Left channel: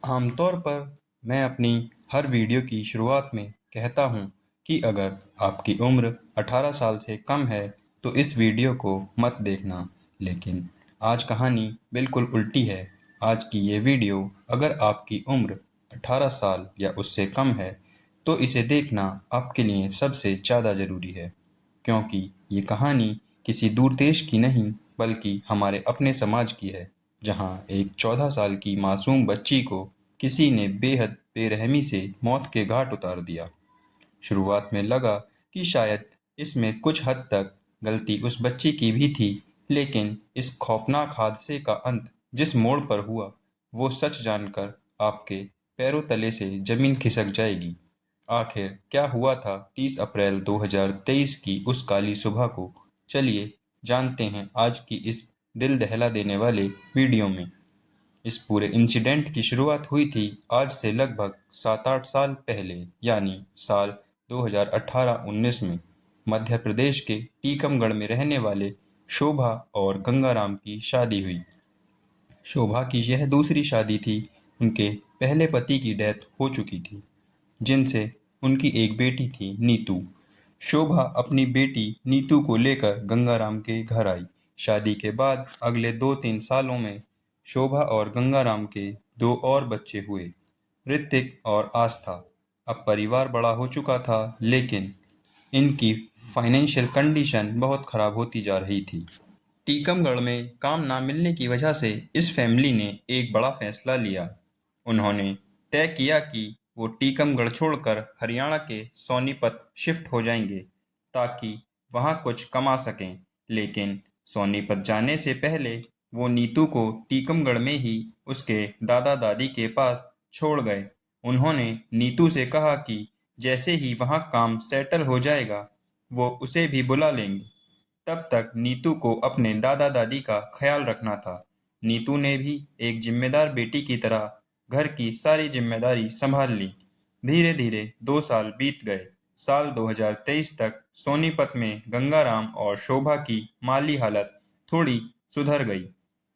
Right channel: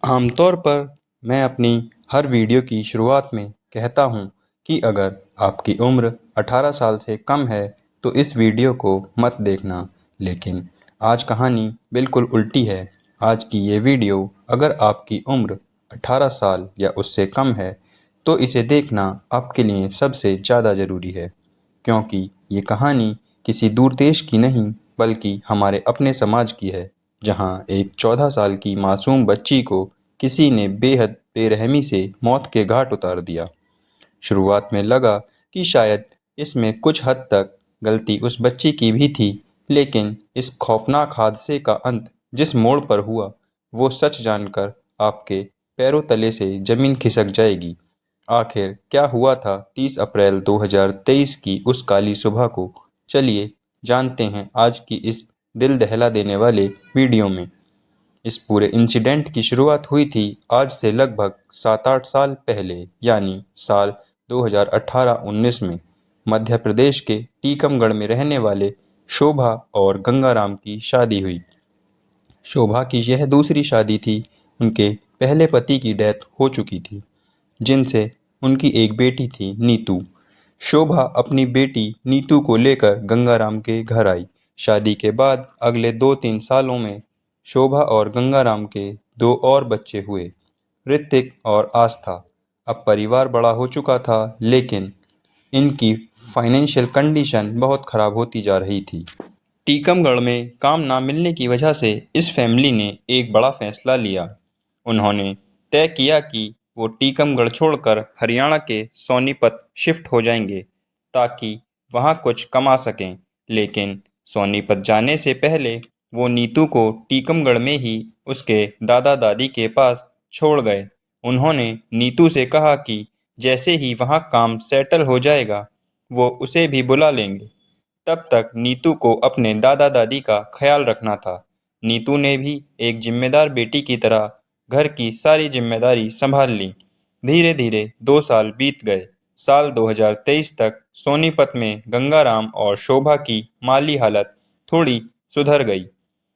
आमतौर पर मैं अपनी हर वीडियो की शुरुआत में कहता हूँ कि अगर आपकी उम्र 18 साल से कम है तो इस वीडियो को मत देखना। लेकिन आज कहानी बिल्कुल उल्टी है। आज की ये वीडियो अगर आपकी उम्र 18 साल या उससे कम है तो इसे देखना आपके लिए सबसे ज़्यादा ज़रूरी है, क्योंकि ये कहानी किसी दूर देश की नहीं बल्कि हमारे अपने समाज की है, जहाँ एक 14 साल की मासूम बच्ची को किसी ने बेहद बेरहमी से मौत के घाट उतार दिया। शुरुआत में लगा कि शायद इसमें कुछ हद तक गलती उस बच्ची की भी थी, लेकिन इस खौफनाक हादसे का अंत जिस मोड़ पर हुआ, वो सच जानकर आपके पैरों तले से ज़मीन खिसक जाएगी। आखिर क्या हुआ था 30 अप्रैल 2023 की उस काली सुबह को? चलिए जानते हैं आज की इस दिल दहला देने वाले वीडियो में। इस पूरे इंसिडेंट की शुरुआत हुई थी आज से लगभग 7-8 साल पहले, यानी साल 2018-19 में। मध्य प्रदेश के टीकमगढ़ में रहने वाले शोभा और गंगाराम की शादी हुई। शोभा की यह दूसरी शादी थी। उनके पहले पति की डेथ हो चुकी थी, जिनसे उनकी एक बेटी थी, नीतू। शोभा अपनी बेटी नीतू को लेकर गंगाराम के घर आई। शादी के बाद अगले 2-3 सालों में शोभा और गंगाराम के दो और बच्चे हुए, ऋतिक और आस्था। अब परिवार बड़ा हो चुका था, लेकिन इनकी फाइनेंशियल कंडीशन बहुत खराब होती जा रही थी। टीकमगढ़ में काम ना मिलने की वजह से इस फैमिली ने एक बड़ा फैसला लिया। उन्होंने तय किया कि वो टीकमगढ़ छोड़कर हरियाणा के सोनीपत शिफ्ट हो जाएंगे, ताकि वहाँ कुछ कमा सकें। लेकिन सोनीपत जाने से पहले वो नीतू को टीकमगढ़ में ही उसके दादा दादी के पास छोड़ गए। उन्होंने नीतू से कहा कि जैसे ही वहाँ काम सेटल हो जाएगा वो उसे भी बुला लेंगे। तब तक नीतू को अपने दादा दादी का ख्याल रखना था। नीतू ने भी एक जिम्मेदार बेटी की तरह घर की सारी जिम्मेदारी संभाल ली। धीरे धीरे 2 साल बीत गए। साल 2023 तक सोनीपत में गंगाराम और शोभा की माली हालत थोड़ी सुधर गई।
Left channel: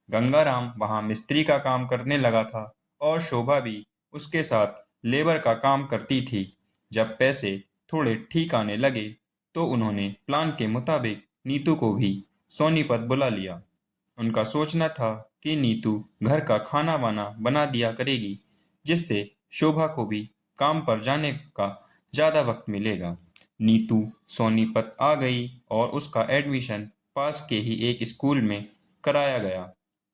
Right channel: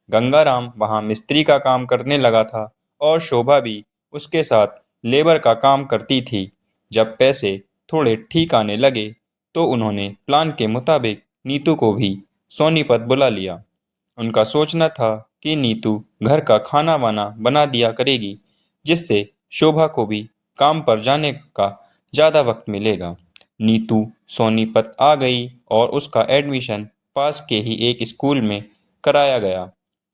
गंगाराम वहां मिस्त्री का काम करने लगा था और शोभा भी उसके साथ लेबर का काम करती थी। जब पैसे थोड़े ठीक आने लगे तो उन्होंने प्लान के मुताबिक नीतू को भी सोनीपत बुला लिया। उनका सोचना था कि नीतू घर का खाना वाना बना दिया करेगी, जिससे शोभा को भी काम पर जाने का ज़्यादा वक्त मिलेगा। नीतू सोनीपत आ गई और उसका एडमिशन पास के ही एक स्कूल में कराया गया।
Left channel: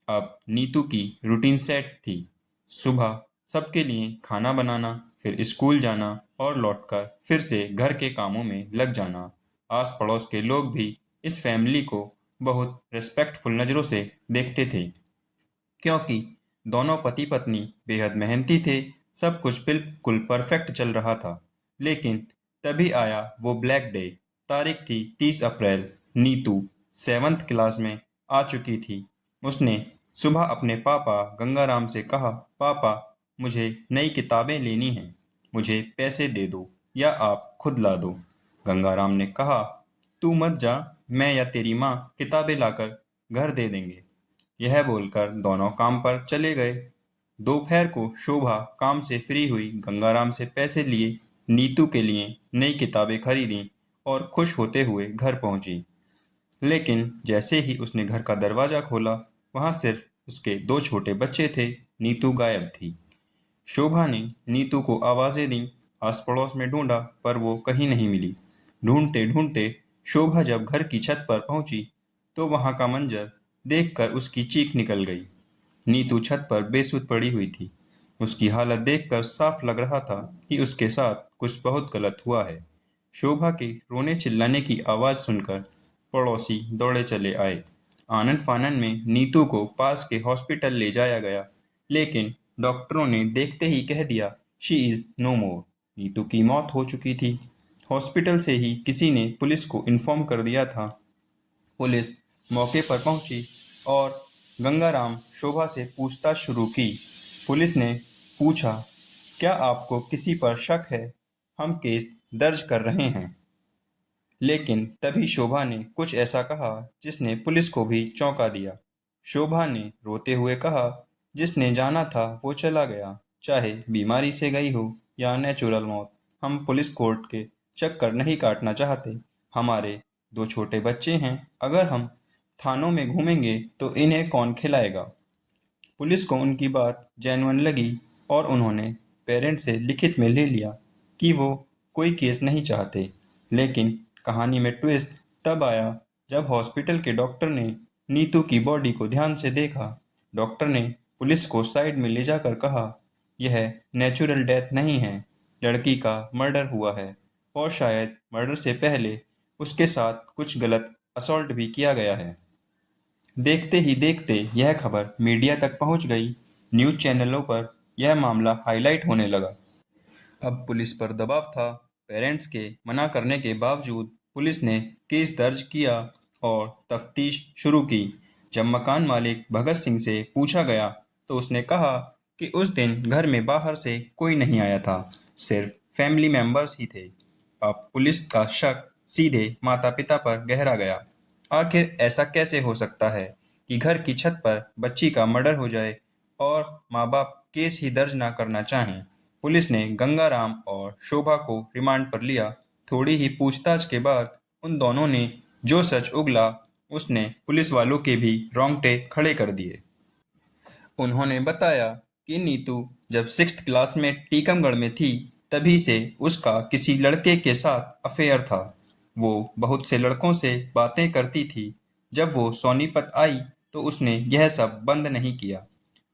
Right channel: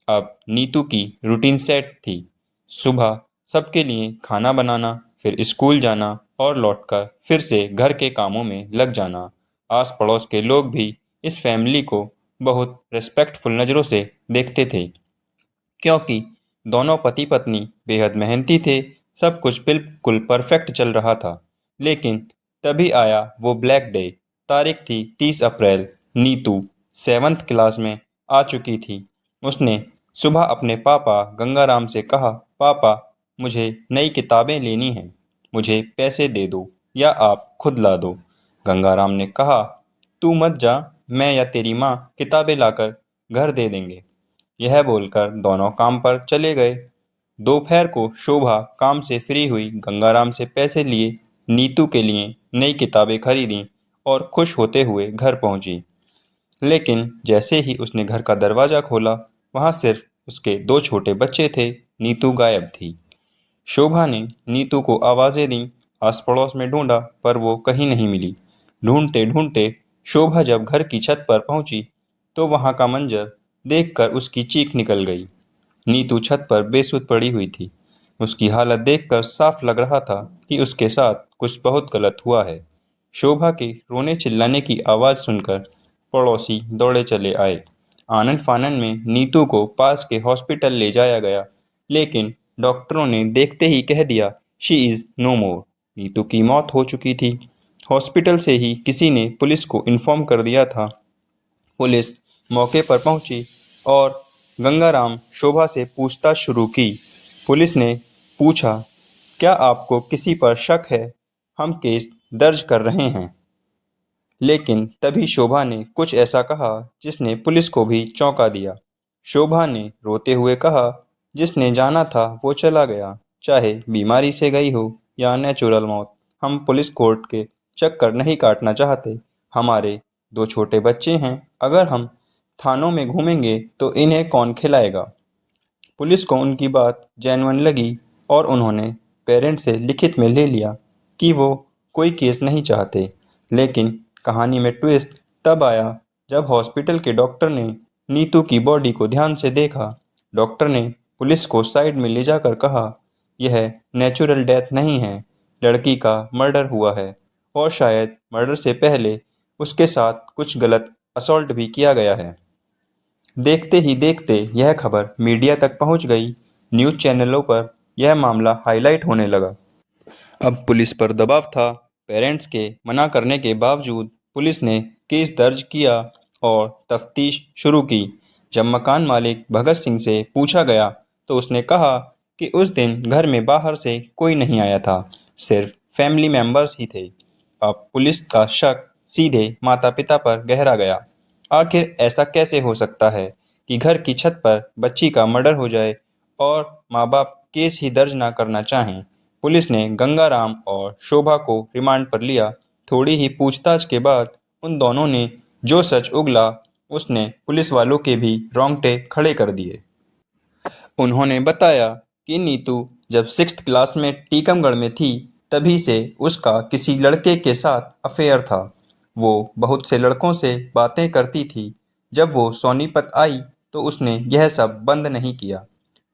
अब नीतू की रूटीन सेट थी। सुबह सबके लिए खाना बनाना, फिर स्कूल जाना और लौटकर फिर से घर के कामों में लग जाना। आस पड़ोस के लोग भी इस फैमिली को बहुत रिस्पेक्टफुल नज़रों से देखते थे, क्योंकि दोनों पति पत्नी बेहद मेहनती थे। सब कुछ बिल्कुल परफेक्ट चल रहा था। लेकिन तभी आया वो ब्लैक डे। तारीख थी 30 अप्रैल। नीतू 7th क्लास में आ चुकी थी। उसने सुबह अपने पापा गंगाराम से कहा, पापा, मुझे नई किताबें लेनी हैं। मुझे पैसे दे दो या आप खुद ला दो। गंगाराम ने कहा, तू मत जा, मैं या तेरी माँ किताबें लाकर घर दे देंगे। यह बोलकर दोनों काम पर चले गए। दोपहर को शोभा काम से फ्री हुई, गंगाराम से पैसे लिए, नीतू के लिए नई किताबें खरीदीं और खुश होते हुए घर पहुंची। लेकिन जैसे ही उसने घर का दरवाज़ा खोला, वहां सिर्फ उसके दो छोटे बच्चे थे। नीतू गायब थी। शोभा ने नीतू को आवाज़ें दीं, आस पड़ोस में ढूंढा, पर वो कहीं नहीं मिली। ढूंढते ढूंढते शोभा जब घर की छत पर पहुंची तो वहां का मंजर देखकर उसकी चीख निकल गई। नीतू छत पर बेसुध पड़ी हुई थी। उसकी हालत देखकर साफ लग रहा था कि उसके साथ कुछ बहुत गलत हुआ है। शोभा के रोने चिल्लाने की आवाज़ सुनकर पड़ोसी दौड़े चले आए। आनन फानन में नीतू को पास के हॉस्पिटल ले जाया गया, लेकिन डॉक्टरों ने देखते ही कह दिया, शी इज़ नो मोर। नीतू की मौत हो चुकी थी। हॉस्पिटल से ही किसी ने पुलिस को इन्फॉर्म कर दिया था। पुलिस मौके पर पहुंची और गंगाराम शोभा से पूछताछ शुरू की। पुलिस ने पूछा, क्या आपको किसी पर शक है? हम केस दर्ज कर रहे हैं। लेकिन तभी शोभा ने कुछ ऐसा कहा जिसने पुलिस को भी चौंका दिया। शोभा ने रोते हुए कहा, जिसने जाना था वो चला गया, चाहे बीमारी से गई हो या नेचुरल मौत। हम पुलिस कोर्ट के चक्कर नहीं काटना चाहते। हमारे 2 छोटे बच्चे हैं, अगर हम थानों में घूमेंगे तो इन्हें कौन खिलाएगा? पुलिस को उनकी बात जेन्युइन लगी और उन्होंने पेरेंट्स से लिखित में ले लिया कि वो कोई केस नहीं चाहते। लेकिन कहानी में ट्विस्ट तब आया जब हॉस्पिटल के डॉक्टर ने नीतू की बॉडी को ध्यान से देखा। डॉक्टर ने पुलिस को साइड में ले जाकर कहा, यह नेचुरल डेथ नहीं है, लड़की का मर्डर हुआ है और शायद मर्डर से पहले उसके साथ कुछ गलत असॉल्ट भी किया गया है। देखते ही देखते यह खबर मीडिया तक पहुंच गई। न्यूज़ चैनलों पर यह मामला हाईलाइट होने लगा। अब पुलिस पर दबाव था। पेरेंट्स के मना करने के बावजूद पुलिस ने केस दर्ज किया और तफ्तीश शुरू की। जब मकान मालिक भगत सिंह से पूछा गया तो उसने कहा कि उस दिन घर में बाहर से कोई नहीं आया था, सिर्फ फैमिली मेंबर्स ही थे। अब पुलिस का शक सीधे माता पिता पर गहरा गया। आखिर ऐसा कैसे हो सकता है कि घर की छत पर बच्ची का मर्डर हो जाए और माँ बाप केस ही दर्ज न करना चाहें? पुलिस ने गंगाराम और शोभा को रिमांड पर लिया। थोड़ी ही पूछताछ के बाद उन दोनों ने जो सच उगला उसने पुलिस वालों के भी रोंगटे खड़े कर दिए। उन्होंने बताया कि नीतू जब 6th क्लास में टीकमगढ़ में थी तभी से उसका किसी लड़के के साथ अफेयर था। वो बहुत से लड़कों से बातें करती थी। जब वो सोनीपत आई तो उसने यह सब बंद नहीं किया।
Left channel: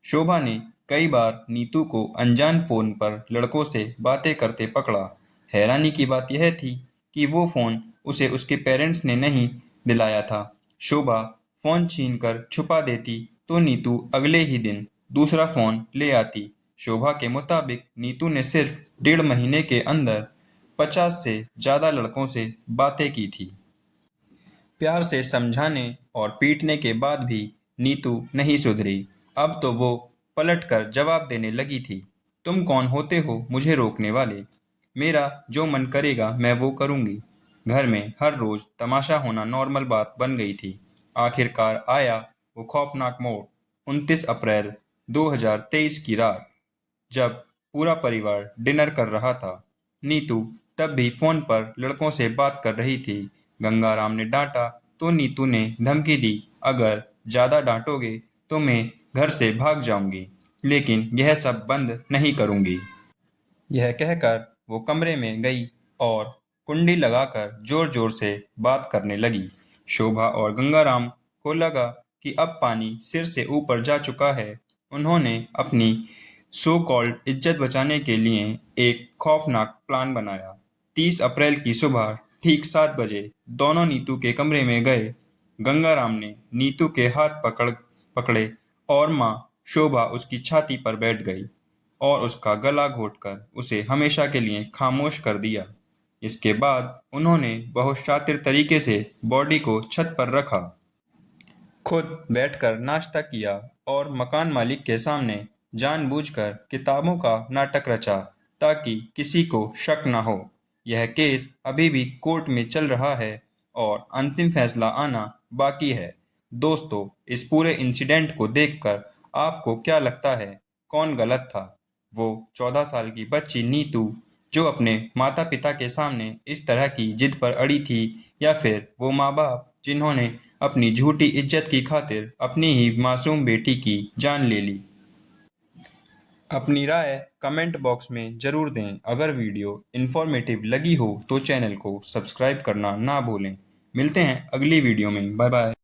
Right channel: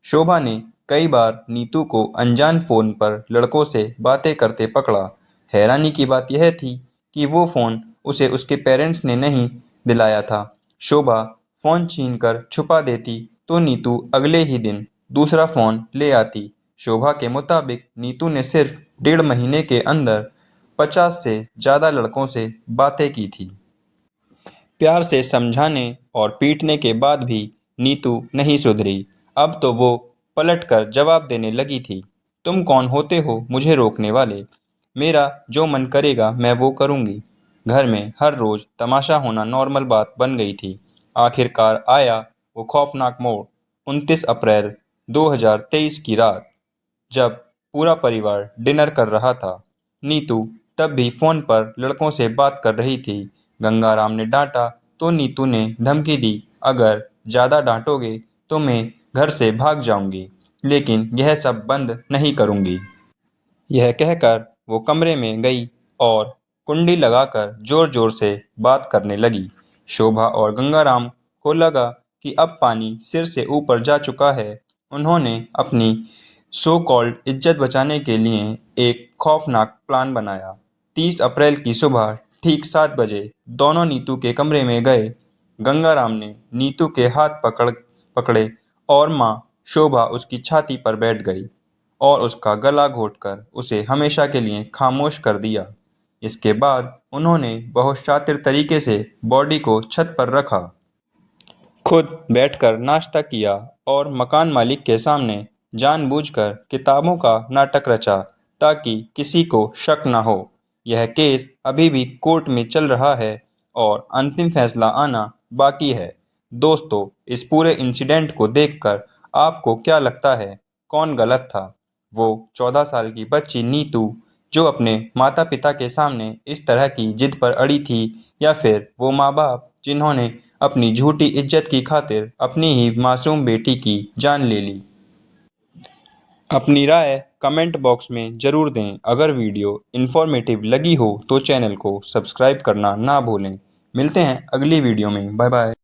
शोभा ने कई बार नीतू को अनजान फ़ोन पर लड़कों से बातें करते पकड़ा। हैरानी की बात यह थी कि वो फ़ोन उसे उसके पेरेंट्स ने नहीं दिलाया था। शोभा फ़ोन छीनकर छुपा देती तो नीतू अगले ही दिन दूसरा फ़ोन ले आती। शोभा के मुताबिक नीतू ने सिर्फ 1.5 महीने के अंदर 50 से ज़्यादा लड़कों से बातें की थी। प्यार से समझाने और पीटने के बाद भी नीतू नहीं सुधरी। अब तो वो पलटकर जवाब देने लगी थी, तुम कौन होते हो मुझे रोकने वाले? मेरा जो मन करेगा मैं वो करूँगी। घर में हर रोज़ तमाशा होना नॉर्मल बात बन गई थी। आखिरकार आया वो खौफनाक मोड़। 29 अप्रैल 2023 की रात, जब पूरा परिवार डिनर कर रहा था। नीतू तब भी फ़ोन पर लड़कों से बात कर रही थी। गंगाराम ने डांटा तो नीतू ने धमकी दी, अगर ज़्यादा डांटोगे तो मैं घर से भाग जाऊंगी, लेकिन यह सब बंद नहीं करूंगी। यह कहकर वो कमरे में गई और कुंडी लगाकर जोर जोर से बात करने लगी। शोभा और गंगाराम को लगा कि अब पानी सिर से ऊपर जा चुका है। उन्होंने अपनी सो कॉल्ड इज्जत बचाने के लिए एक खौफनाक प्लान बनाया। 30 अप्रैल की सुबह ठीक 7 बजे दोनों नीतू के कमरे में गए। गंगाराम ने नीतू के हाथ पकड़े और माँ शोभा उसकी छाती पर बैठ गई और उसका गला घोंटकर उसे हमेशा के लिए खामोश कर दिया। इसके बाद उन्होंने बहुत शातिर तरीके से बॉडी को छत पर रखा, खुद बैठकर नाश्ता किया और मकान मालिक के सामने जानबूझकर किताबों का नाटक रचा ताकि किसी को शक न हो। यह केस अभी भी कोर्ट में चल रहा है और अंतिम फैसला आना बाकी है। दोस्तों, इस पूरे इंसिडेंट को देखकर आपको क्या लगता है, कौन गलत था? वो 14 साल की बच्ची नीतू जो अपने माता पिता के सामने इस तरह की जिद पर अड़ी थी, या फिर वो माँ बाप जिन्होंने अपनी झूठी इज्जत की खातिर अपनी ही मासूम बेटी की जान ले ली? अपनी राय कमेंट बॉक्स में ज़रूर दें। अगर वीडियो इन्फॉर्मेटिव लगी हो तो चैनल को सब्सक्राइब करना ना भूलें। मिलते हैं अगली वीडियो में। Bye bye.